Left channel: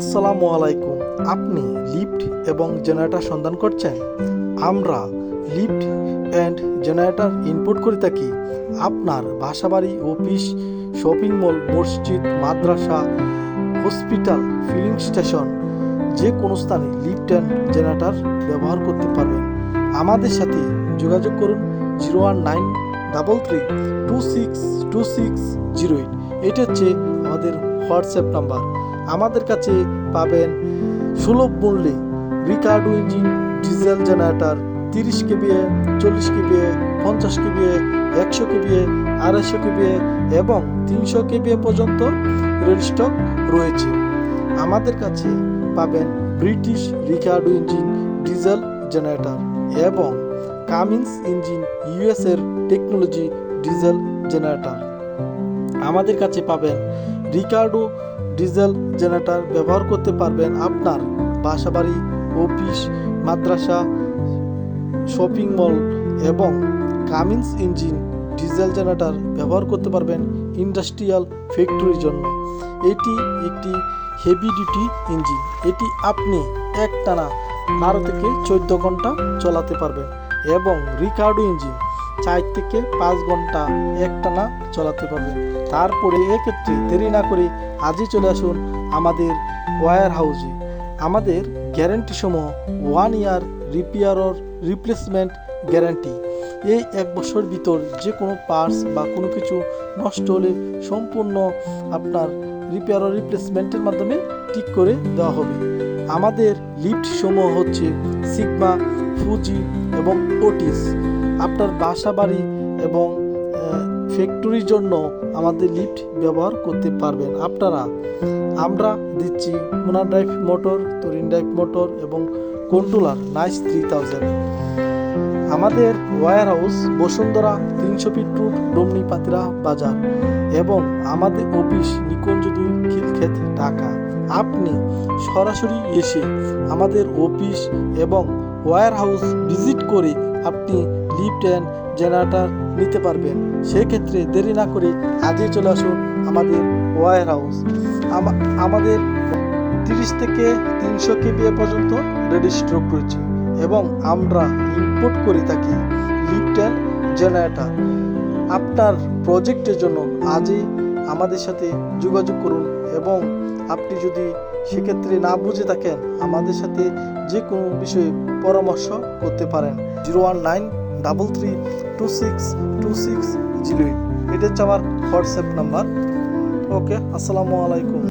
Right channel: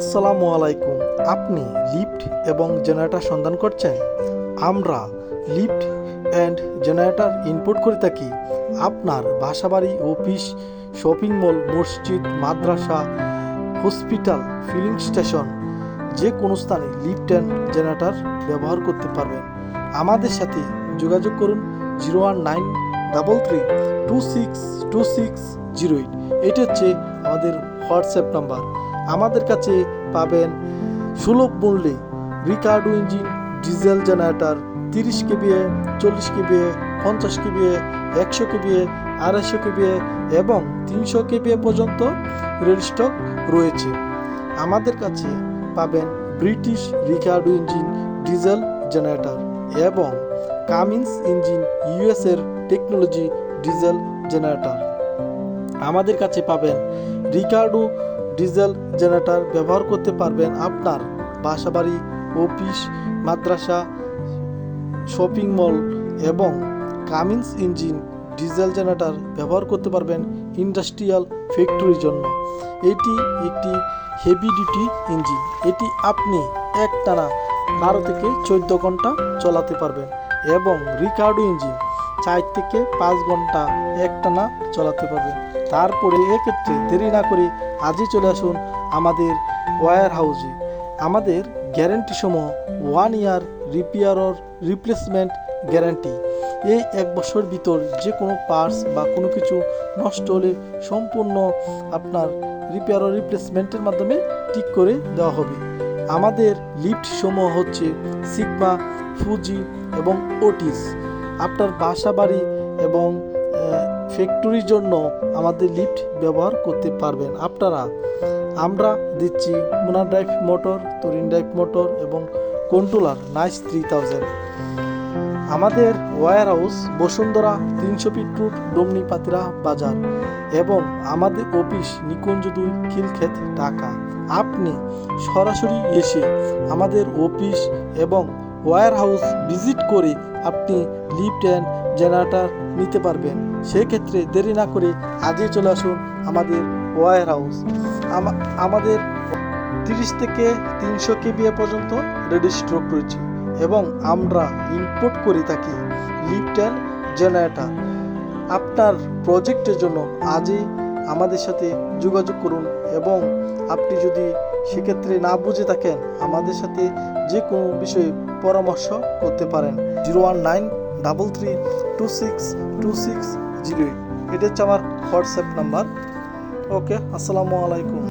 আসসালামু আলাইকুম। আপনি লিফট এবং জেনারেটর সন্ধান করছেন? আমরা লিফট অ্যান্ড জেনারেটর ইনপুট করে থাকি। আপনার বাসাবাড়ি, অফিস, শপিং মল, মসজিদ, মাদ্রাসা, হসপিটাল, ফিলিং স্টেশন, যে কোনো স্থানে লিফট অ্যান্ড জেনারেটর ব্যবহার করতে পারবেন। আমাদের সাথে যোগাযোগ করুন zero one nine double three two six two six zero eight. এটা হচ্ছে আমাদের হোয়াটসঅ্যাপ নাম্বার। আমাদের কাছে পাবেন সুলভ মূল্যে রিকার্ডো ইঞ্জিন ডিজেল জেনারেটর তিরিশ কেবিএ চল্লিশ কেবিএ পঞ্চাশ কেবিএ একশো কেবিএ আড়াইশো কেবিএ এবং তিনশো কেবিএ পর্যন্ত রেল স্টক রয়েছে। আমাদের কাছে পাবেন British Ricardo engine diesel generator এবং কামিন্স ইঞ্জিন ইউএসের টেকনোলজি ডিজেল জেনারেটর আমাদের কাছে পাবেন রিকার্ডো ডিজেল জেনারেটর ব্যবহার করতে পারবেন আপনার বাসাবাড়ি, অফিস, মাদ্রাসা, শপিং মল এবং কামিন্স ইঞ্জিন ডিজেল জেনারেটর ব্যবহার করতে পারবেন ইন্ডাস্ট্রিয়াল ফ্যাক্টরির জন্য। এটি একটি হেভি ডিউটি ইঞ্জিন এটি আপনি একটানা বারো থেকে চোদ্দ ঘণ্টা চালাতে পারবেন এবং রিকার্ডো ইঞ্জিন চার থেকে পাঁচ ঘণ্টা একটানা চালাতে পারবেন। তারপরে এক্ষেত্রে দেরি না করে আজই চলে আসুন আমাদের ওয়্যার হাউসে। আমাদের গ্যারেন্টি সমূহ one year repair replacement guarantee এই এক বছর ভিতর যে কোনো পার্টস বা কোনো কিছু নষ্ট হলে সম্পূর্ণ আপনার রিপেয়ার রিপ্লেসমেন্টের মাধ্যমে ঠিক করে দেওয়া হবে। আমাদের লিফট সমূহ হচ্ছে সিগমা ফুজি এবং ওটিস আপনার বাসা বাড়ি এবং ফ্যাক্টরির জন্য আমাদের লিফট ব্যবহার করতে পারবেন। আপনারা, আমরা দিচ্ছি Mona drive motor Torin drive motor এবং কন্ট্রোলার নাইস থ্রি থাউজেন্ড আমাদের ওয়্যার হাউস বসুন্ধরা তিনশো ফিট রুট ডমনি পাতিরা বাজার এবং আমাদের অফিস নিকুঞ্জ দুই খিলক্ষেত, ঢাকা। আপনি সরাসরি এসে আমাদের অফিস এবং ওয়্যার হাউস ভিজিট করে আপনি লিফট অ্যান্ড জেনারেটর নিতে পারবেন। সেক্ষেত্রে দেরি না করে আজই চলে আসুন আমাদের ওয়্যার হাউস। আমাদের তিরিশ থেকে তিনশো কেবিএ পর্যন্ত রেডি স্ট্রোক রয়েছে এবং আমরা ইম্পোর্ট করে থাকি লিফট অ্যান্ড জেনারেটর আপনার প্রজেক্টের জন্য আজই আমাদের সাথে যোগাযোগ করুন এবং আপনি যদি সেক্ষেত্রে না বুঝে থাকেন আমাদের সাথে যে কোনো বিষয়ে পরামর্শ করতে পারেন। Zero one nine double three two six two six zero eight এটা হচ্ছে আমার হোয়াটসঅ্যাপ নাম্বার ওকে আসসালামু আলাইকুম।